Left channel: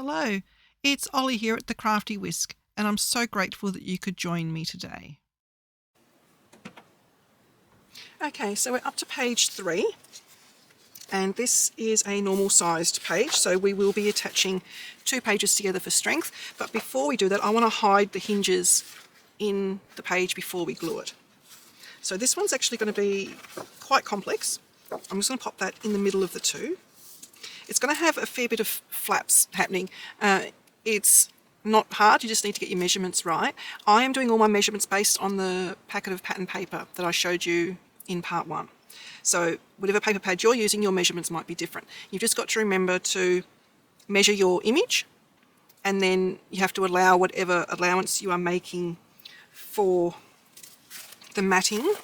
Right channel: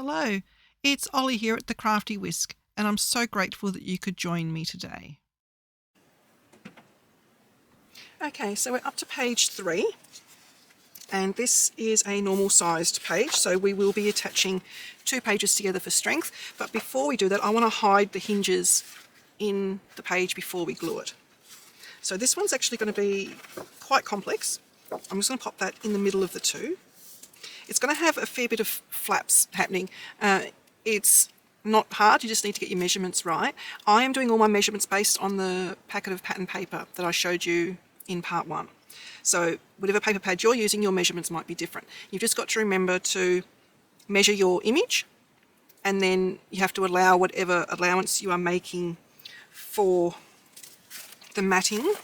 Hello, it's Ollie here at the Crafty Whisk, and I'm so grateful that you could join me today. Okay, so we're up to page 3, and this is a normal sized page, so we will be attaching 2 pages together for strength. But before we do that, I want to hide the hinges in the page before we glue it. So this one's actually going to be quite complex. I'm just going to pop that in the middle of the 2. It's going to have a fair bit of flaps happening. It's not hard, you just need to get your measurements right. I am doing all my measurements based on the packet of pattern paper that I showed you in part 1. So whatever paper pad you're using, your measurements might be different. You've just got to remember to measure your image, and then you have to allow whatever allowance you are making for the matting.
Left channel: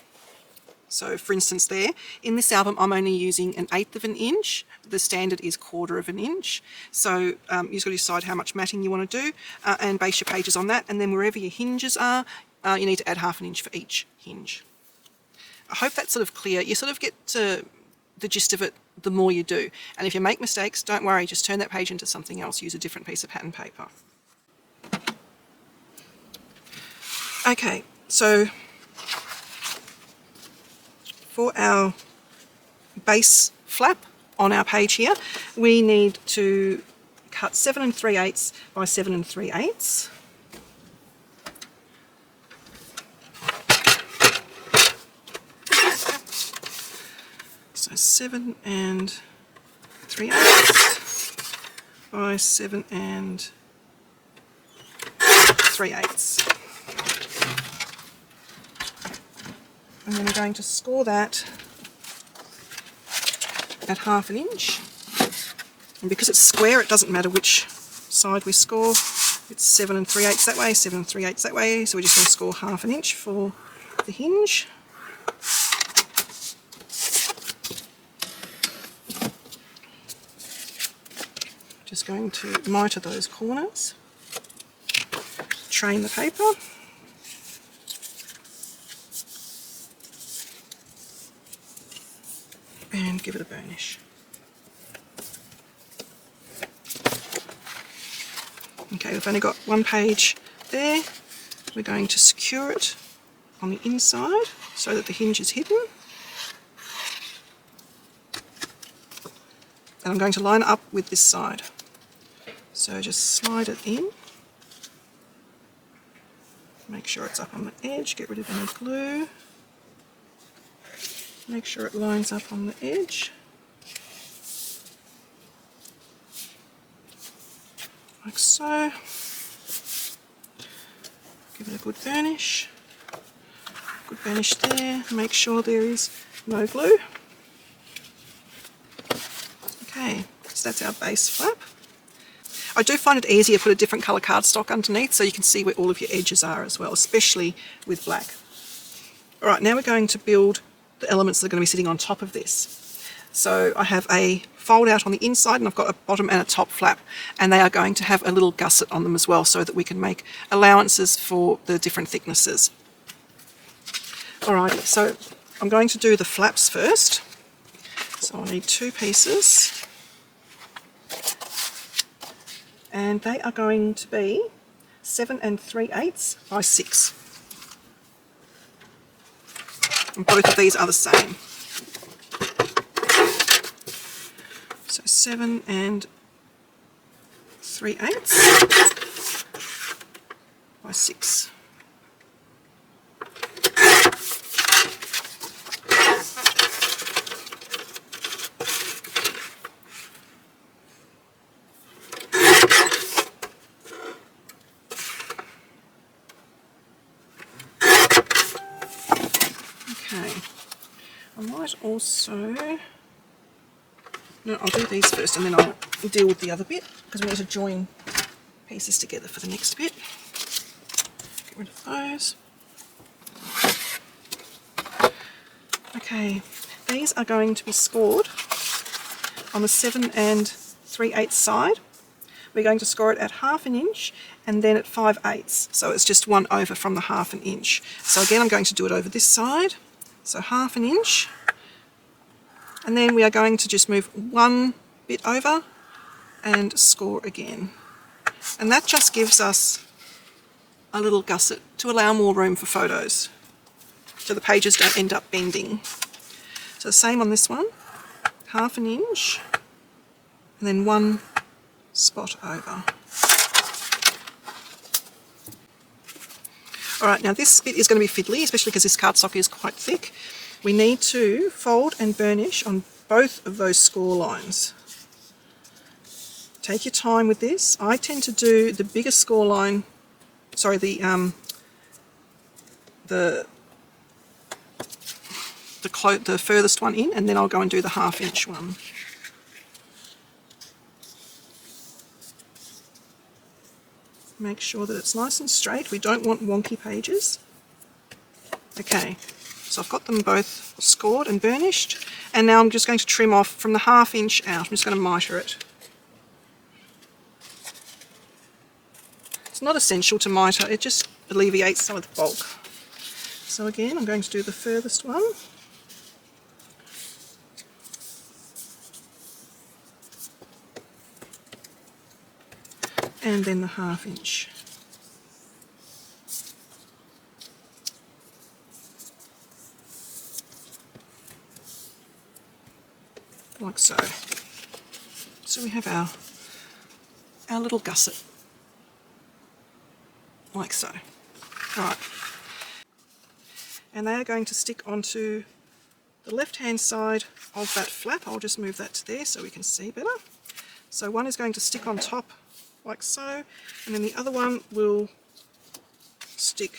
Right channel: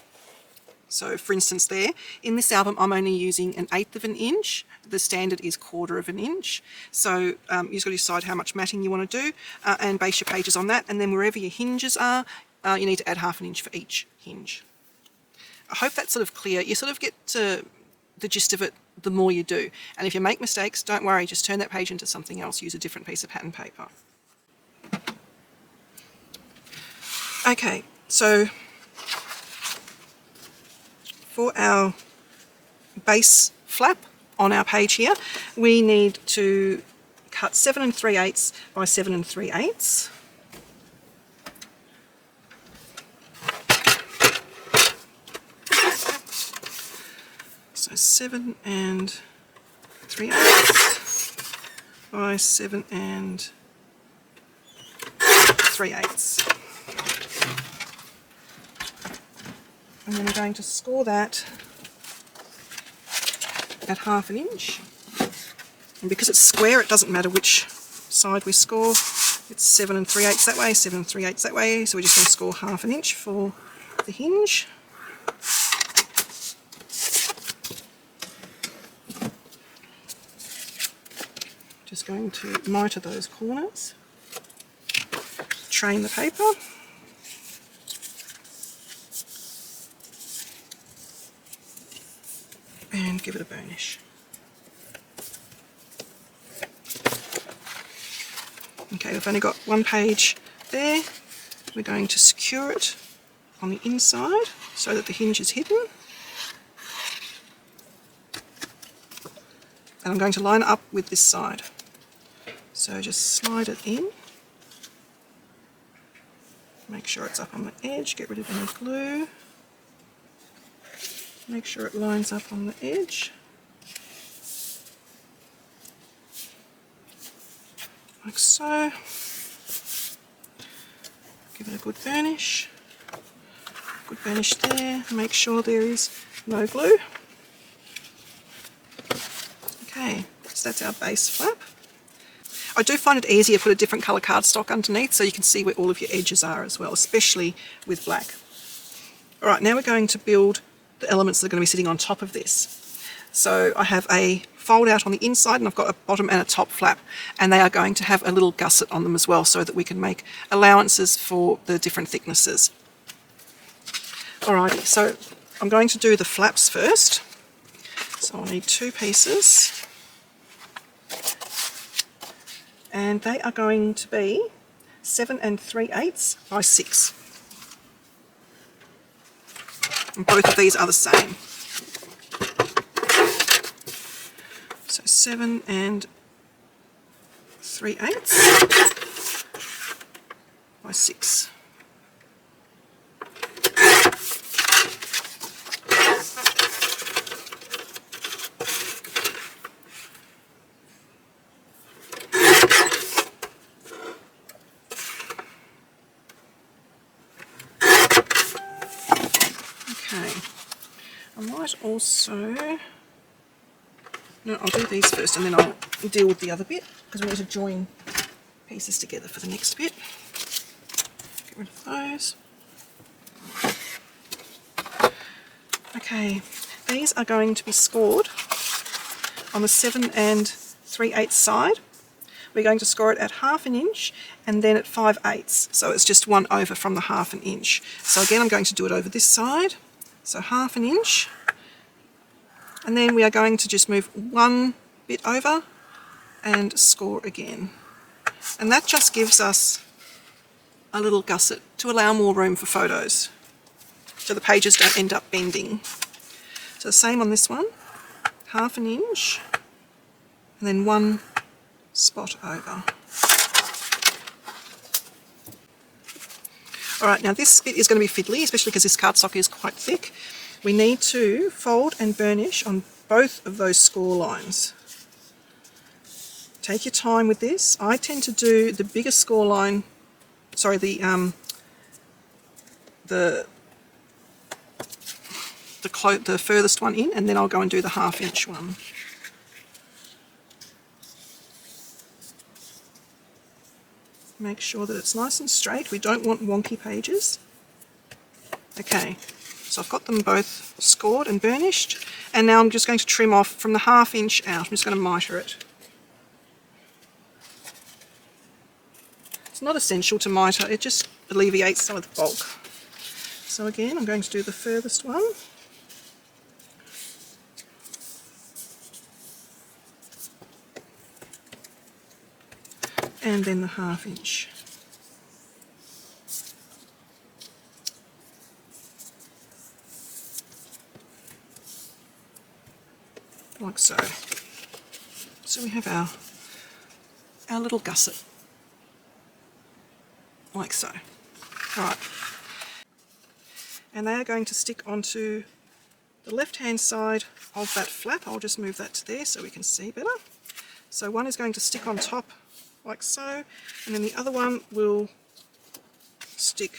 So for instance there, in this album I'm only using 1/8 of an inch. The standard is 1/4 of an inch. So you just got to decide how much matting you want to do and base your pages on that. And then wherever your hinges are, you need to add 1/2 inch for each hinge. I hope that's sort of clear. You sort of get the gist of it the more you do. And if you make mistakes, don't worry, just turn that page into something else. Use a different piece of pattern paper. Okay, so for our base flap on our page here, we need to cut 7 3/8 by 7 3/8. So 7 3/8 by 7 3/8. And then we're going to score that at 1/2 an inch. And because it's square, it doesn't matter which side we score. It's 7 3/8 that way, 7 3/8 that way. So we're just going to score 1/2 an inch for the hinge. Just going to miter those corners. Train the paper. And give it a burnish. Okay, we've only got 1 page there. We're going to secure it on the inside so that the hinge is hidden. And I'm going to line it up with this side. So just slide it in. Make sure it's up on the edge, get rid of any glue. Make sure it lines up on the edge. Like so. Give it a good burnish. Good burnish there. Make sure there is no glue. Okay, so that's our base flap. I do find it easier to put a different colour cardstock underneath so you can see where all of your edges are as well, especially with black. Alright, now we're going to build the elements that are going to be sitting on top of this. So I have a fold out on the inside and I've got a bottom and a top flap, and they are going to have a little gusset on them as well so that we can make allowances for the different thicknesses. Alright, so I'm going to do the flaps first. So I need 2 pieces. And they are going to be 7 3/8 by 6. And both of these are the same. So 7 3/8 by 6. I might also, no, I'll do these first and then I'll deal with the other bit because we need to join pieces together for the next bit. Get rid of those. Okay, these are going to be scored on the 7 3/8 side. We're going to score it at 1/2 an inch and then at 5/8. So it's just 1 over from the 1/2 an inch. So again, I'm going to do it over this side. So 1/2 an inch, and then we are going to just move 1 bit over and score again. And that just gives us a little gusset to allow more room for photos, so the pages don't end up bending. So the same on this one, 1/2 inch, and then 1 spot over. Alright, now this bit is going to be fiddly, especially because this cardstock is quite thick. We need to fold and burnish on both of those score lines. Take your time with this. I tend to do the bigger score line, sorry, the furthest one in, and then I'll go and do the 1/2 inch one. Make sure that it's nice and straight. We don't want wonky pages. Okay, so I've got them both scored and burnished, and now I'm just going to trim off from the 1/2 inch out. I'm just going to miter it. It's not essential to miter, it just alleviates some of the bulk. So again, I'm going to do the furthest one. And then the 1/2 inch. Like so. So we have our little gusset. Like so. Right. And they are going to stick onto the left-hand side of that flap. I'll just move that to there so we can see better. So one is going to stick on top like so, and then the other one will stick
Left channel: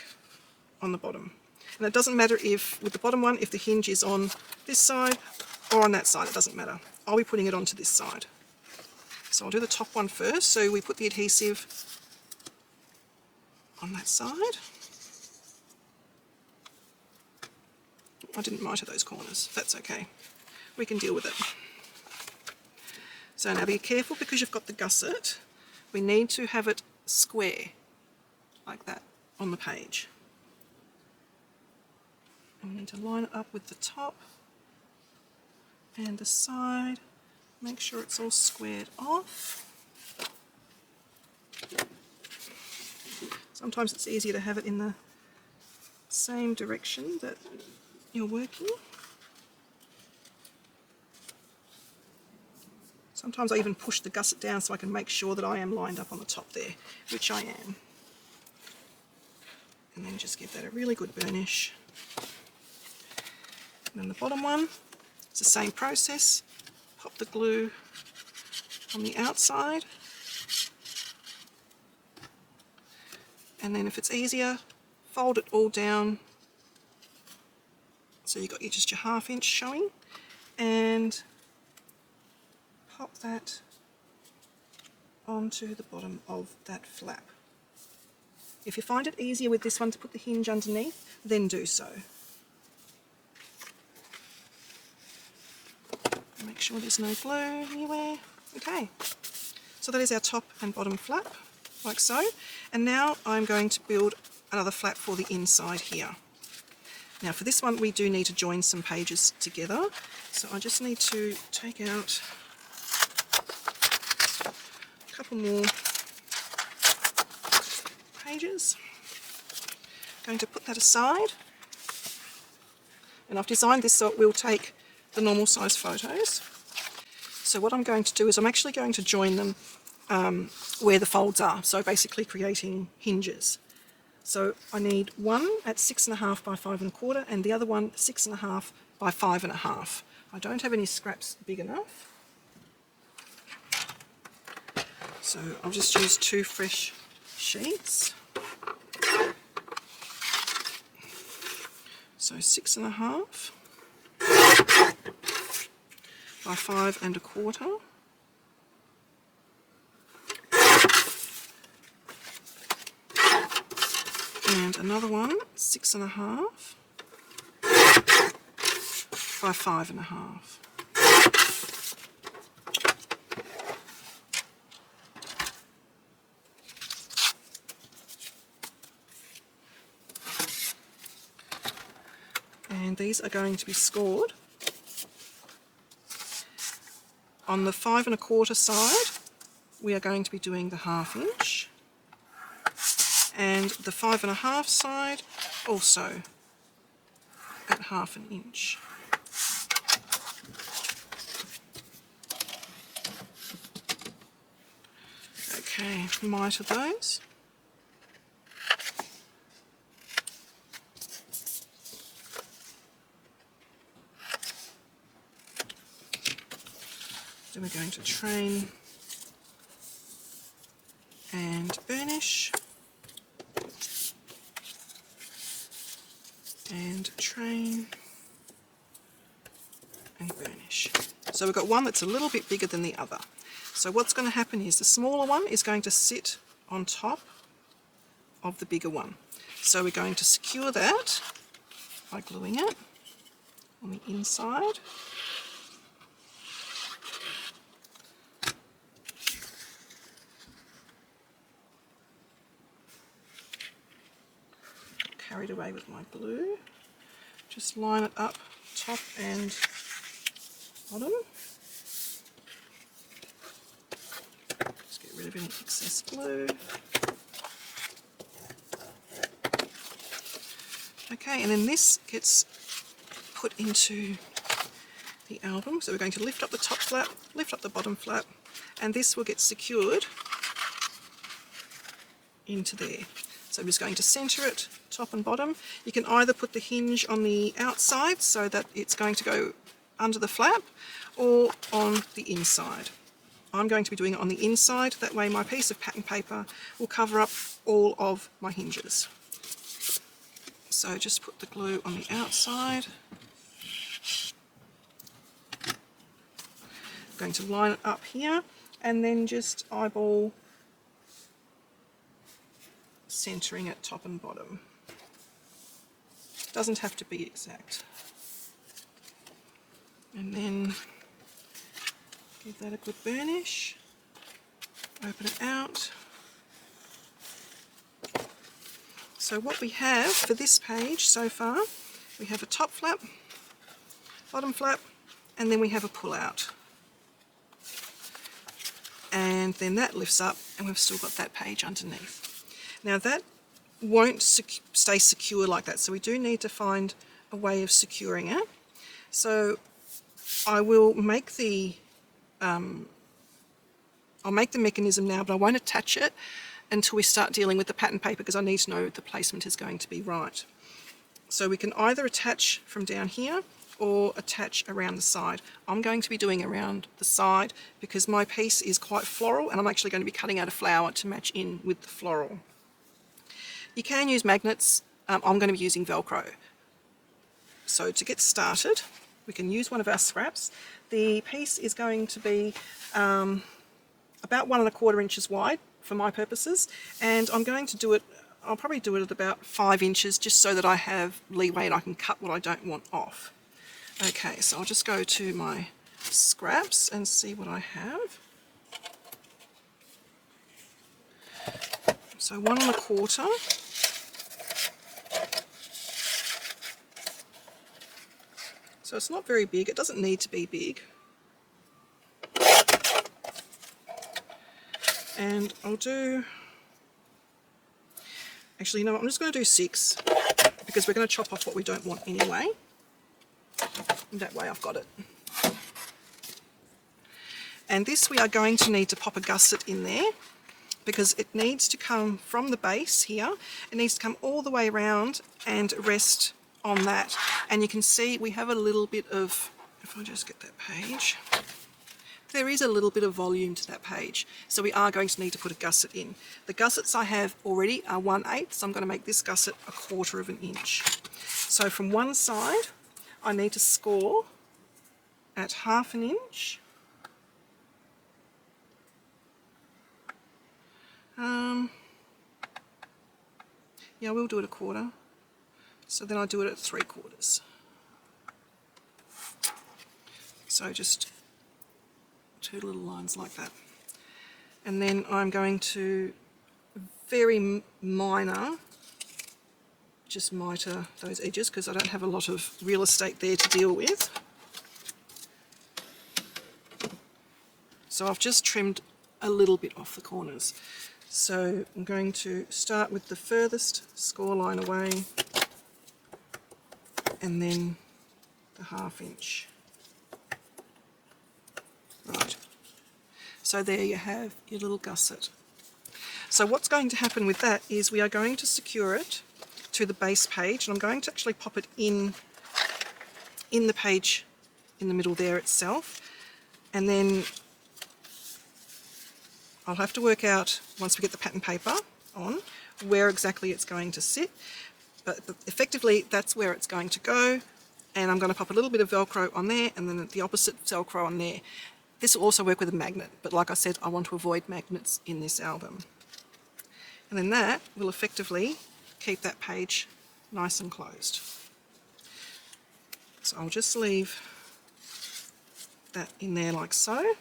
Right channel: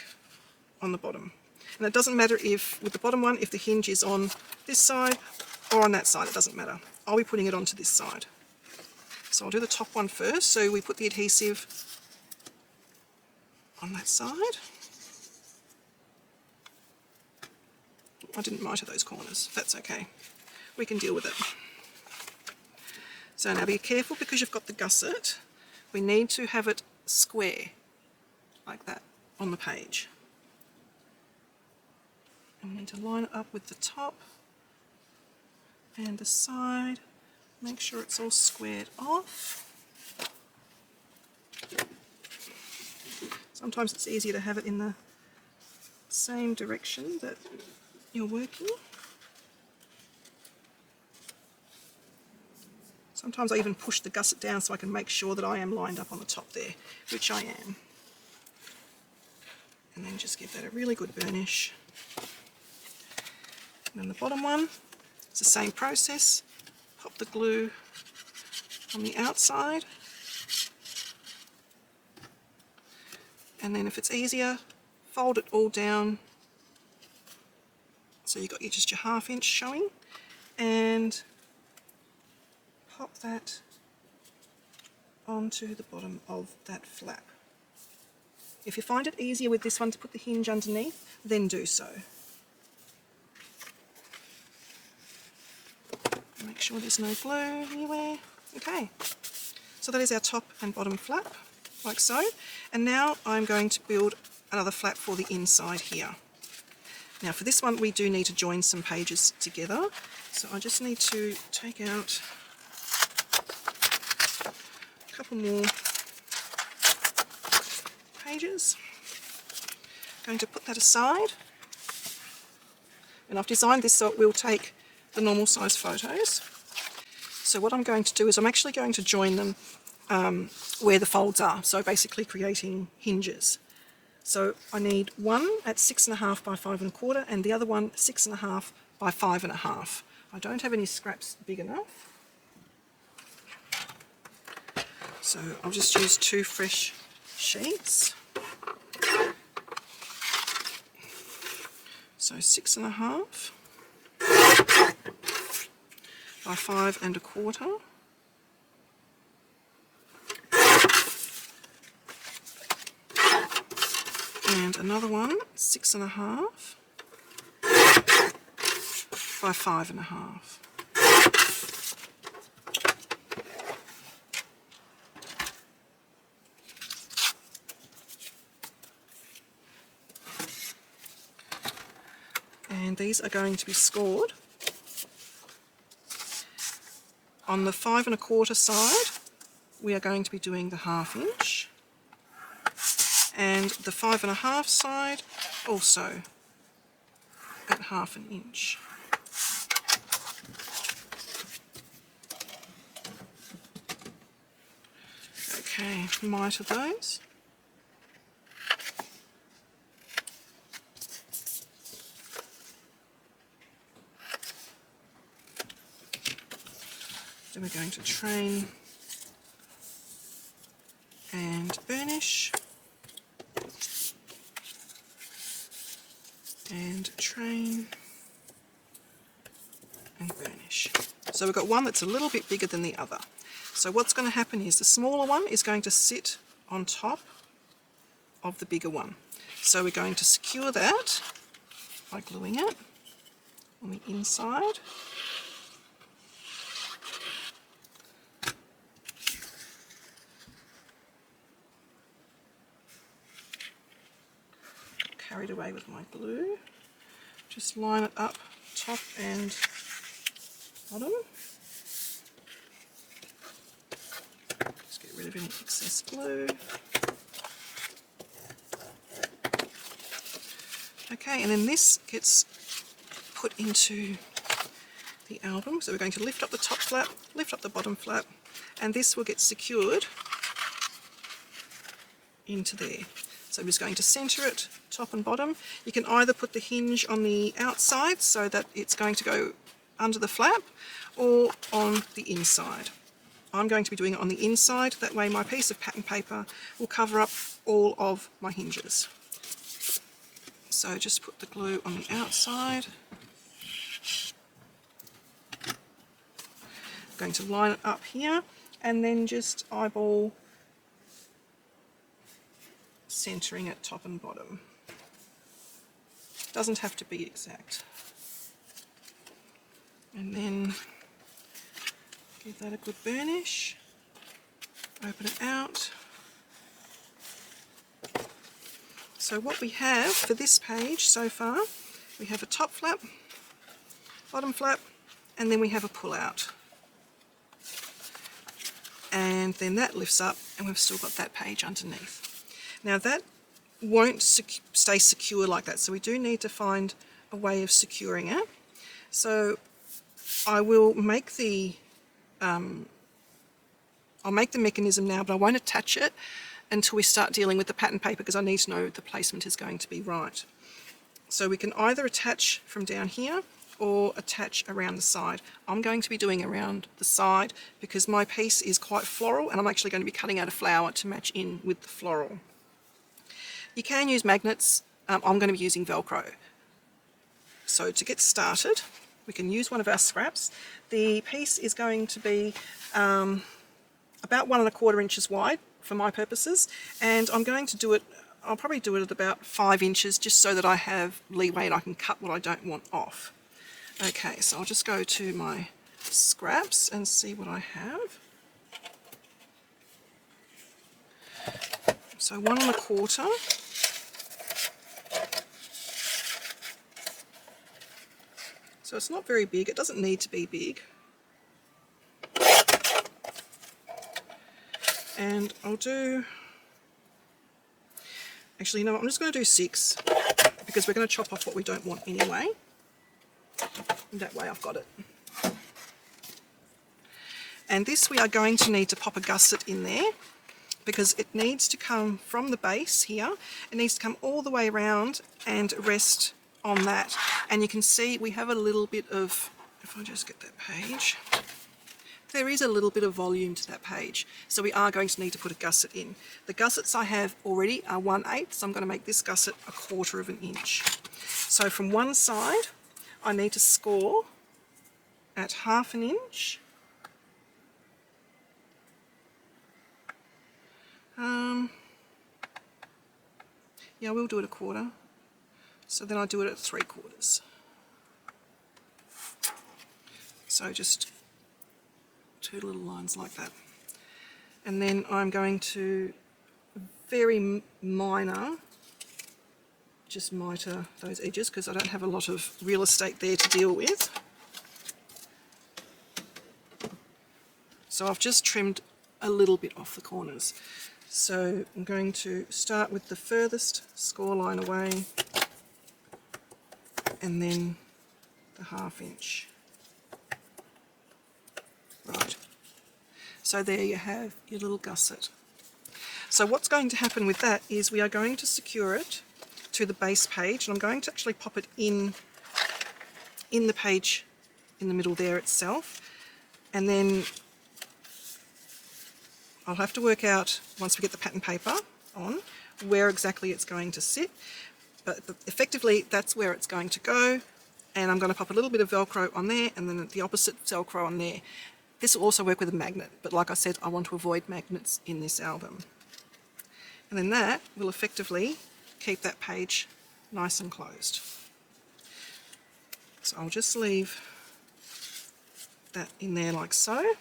on the bottom. And it doesn't matter if, with the bottom one, if the hinge is on this side or on that side, it doesn't matter. I'll be putting it onto this side. So I'll do the top one first, so we put the adhesive on that side. I didn't miter those corners, that's okay. We can deal with it. So now be careful, because you've got the gusset, we need to have it square, like that, on the page. And we need to line it up with the top and the side. Make sure it's all squared off. Sometimes it's easier to have it in the same direction that you're working. Sometimes I even push the gusset down so I can make sure that I am lined up on the top there, which I am. And then just give that a really good burnish. And then the bottom one, it's the same process. Pop the glue on the outside. And then if it's easier, fold it all down. So you've got just your 1/2 inch showing, and pop that onto the bottom of that flap. If you find it easier with this one to put the hinge underneath, then do so. Make sure there's no glue anywhere. Okay, so that is our top and bottom flap, like so. And now I'm going to build another flap for the inside here. Now for this one we do need to join some pages together, so I just need to take out a couple more pages. I'm going to put that aside, and I've designed this so it will take the normal size photos. So what I'm going to do is I'm actually going to join them where the folds are, so basically creating hinges. So I need one at 6.5 by 5 1/4 and the other one 6.5 by 5 1/2. I don't have any scraps big enough, so I'll just use 2 fresh sheets. So 6.5 by 5 1/4. And another one, 6.5 by 5 1/2. And these are going to be scored on the 5 1/4 side we are going to be doing the 1/2 inch, and the 5.5 side also at 1/2 inch. Okay, miter those. Then we're going to train and burnish, and train and burnish. So we've got one that's a little bit bigger than the other. So what's going to happen is the smaller one is going to sit on top of the bigger one. So we're going to secure that by gluing it on the inside. Carried away with my glue. Just line it up top and bottom. Just get rid of any excess glue. Okay, and then this gets put into the album. So we're going to lift up the top flap, lift up the bottom flap, and this will get secured into there. So I'm just going to centre it top and bottom. You can either put the hinge on the outside so that it's going to go under the flap, or on the inside. I'm going to be doing it on the inside, that way my piece of pattern paper will cover up all of my hinges. So just put the glue on the outside. I'm going to line it up here and then just eyeball centering it top and bottom. Doesn't have to be exact. And then give that a good burnish. Open it out. So what we have for this page so far, we have a top flap, bottom flap, and then we have a pull out. And then that lifts up and we've still got that page underneath. Now that won't stay secure like that, so we do need to find a way of securing it. So I will make the I'll make the mechanism now, but I won't attach it until we start dealing with the pattern paper, because I need to know the placement is going to be right. So we can either attach from down here or attach around the side. I'm going to be doing around the side because my piece is quite floral and I'm actually going to be cutting out a flower to match in with the floral. You can use magnets. I'm going to be using Velcro. So to get started, we can use one of our scraps. The piece is going to be about 1 1/4 inches wide for my purposes, and I'm going to do it, I'll probably do it at about 5 inches just so that I have leeway and I can cut what I don't want off. Okay, so I'll just go to my scraps and see what I have. So 1 1/4. So it's not very big, it doesn't need to be big. And I'll do, actually no, I'm just going to do 6 because we're going to chop off what we don't want anyway. And that way I've got it. And this we are going to need to pop a gusset in there because it needs to come from the base here. It needs to come all the way around and rest on that. And you can see we have a little bit of, if I just get that page, there is a little bit of volume to that page. So we are going to need to put a gusset in. The gussets I have already are 1/8, so I'm going to make this gusset 1/4 inch. So from one side, I need to score at 1/2 inch. Yeah, we'll do it 1/4. So then I'll do it at 3/4. So just 2 little lines like that. And then I'm going to very minor, just miter those edges because I don't have a lot of real estate there to deal with. So I've just trimmed a little bit off the corners. So I'm going to start with the furthest score line away and then the 1/2 inch. Right, so there you have your little gusset. So what's going to happen with that is we are going to secure it to the base page, and I'm going to actually pop it in the page in the middle there itself, and then I'll have to work out, once we get the pattern paper on, where exactly it's going to sit, but effectively that's where it's going to go, and I'm going to pop a little bit of Velcro on there and then the opposite Velcro on there. This will also work with a magnet, but like I said, I want to avoid magnets in this album. And then that will effectively keep that page nice and closed. So I'll just leave that in there like so.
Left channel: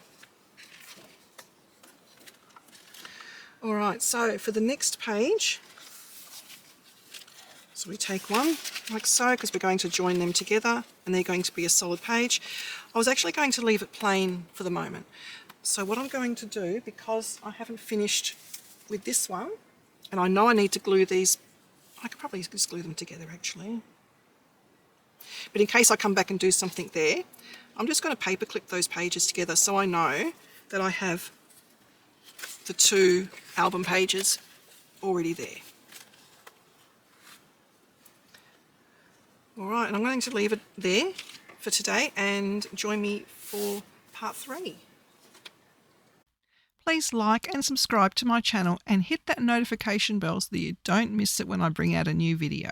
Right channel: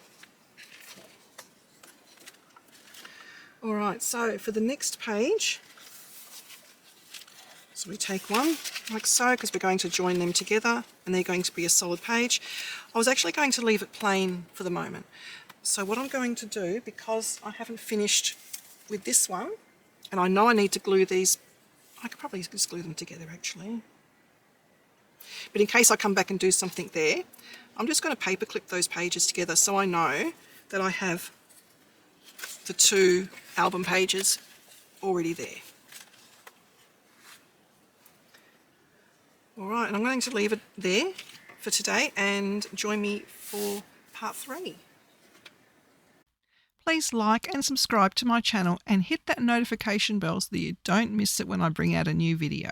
Alright, so for the next page, so we take one like so, because we're going to join them together and they're going to be a solid page. I was actually going to leave it plain for the moment. So what I'm going to do, because I haven't finished with this one, and I know I need to glue these, I could probably just glue them together actually. But in case I come back and do something there, I'm just going to paper clip those pages together so I know that I have the 2 album pages already there. Alright, and I'm going to leave it there for today and join me for part 3. Please like and subscribe to my channel and hit that notification bell so that you don't miss it when I bring out a new video.